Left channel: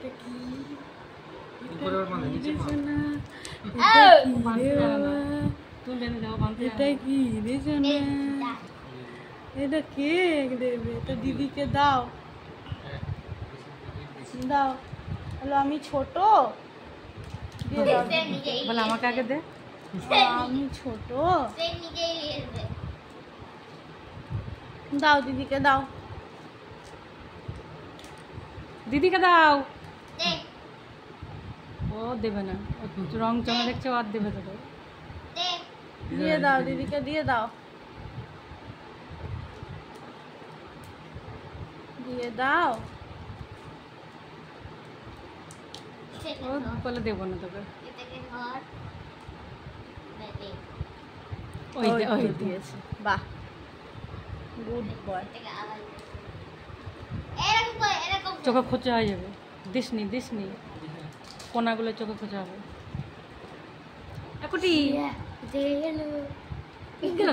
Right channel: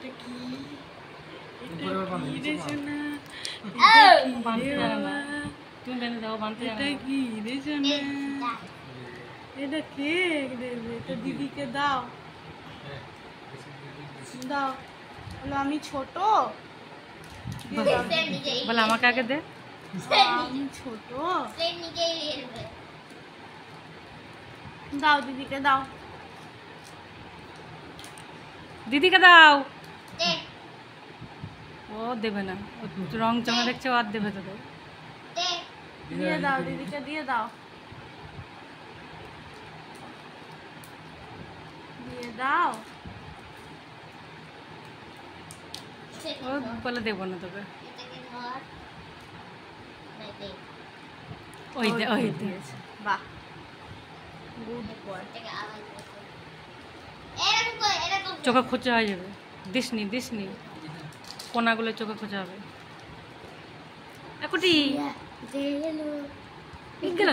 এটা কি রে সোনা? বানতে জানে না, তুমি বেঁধে দাও, বানতে জানে এটা না। কি রে সোনা? এটা কে দেবে? এটা দিদিকে দাও, দাও। বলো আমি ছোট, দিয়ে দাও। বলে আমাকে আগে দে। আমি ছোট, দাও দিদিকে দাও। দিদিকে দাও। ও দেবে না, ও রং চঙে দেখছে, ও আর দেবে তোদের। দিয়ে দাও দিদিকে, দিয়ে দাও, দিয়ে দাও। ও বলে দেবো না তোকে। ওই দে, ওই দে। দিয়েছে, বাহ, গুড বয়। চোখে খোঁচা হয়ে যাবে, দিসনি দিসনি, কোনাগুলো চোখে খোঁচা হবে। একুটি গেল।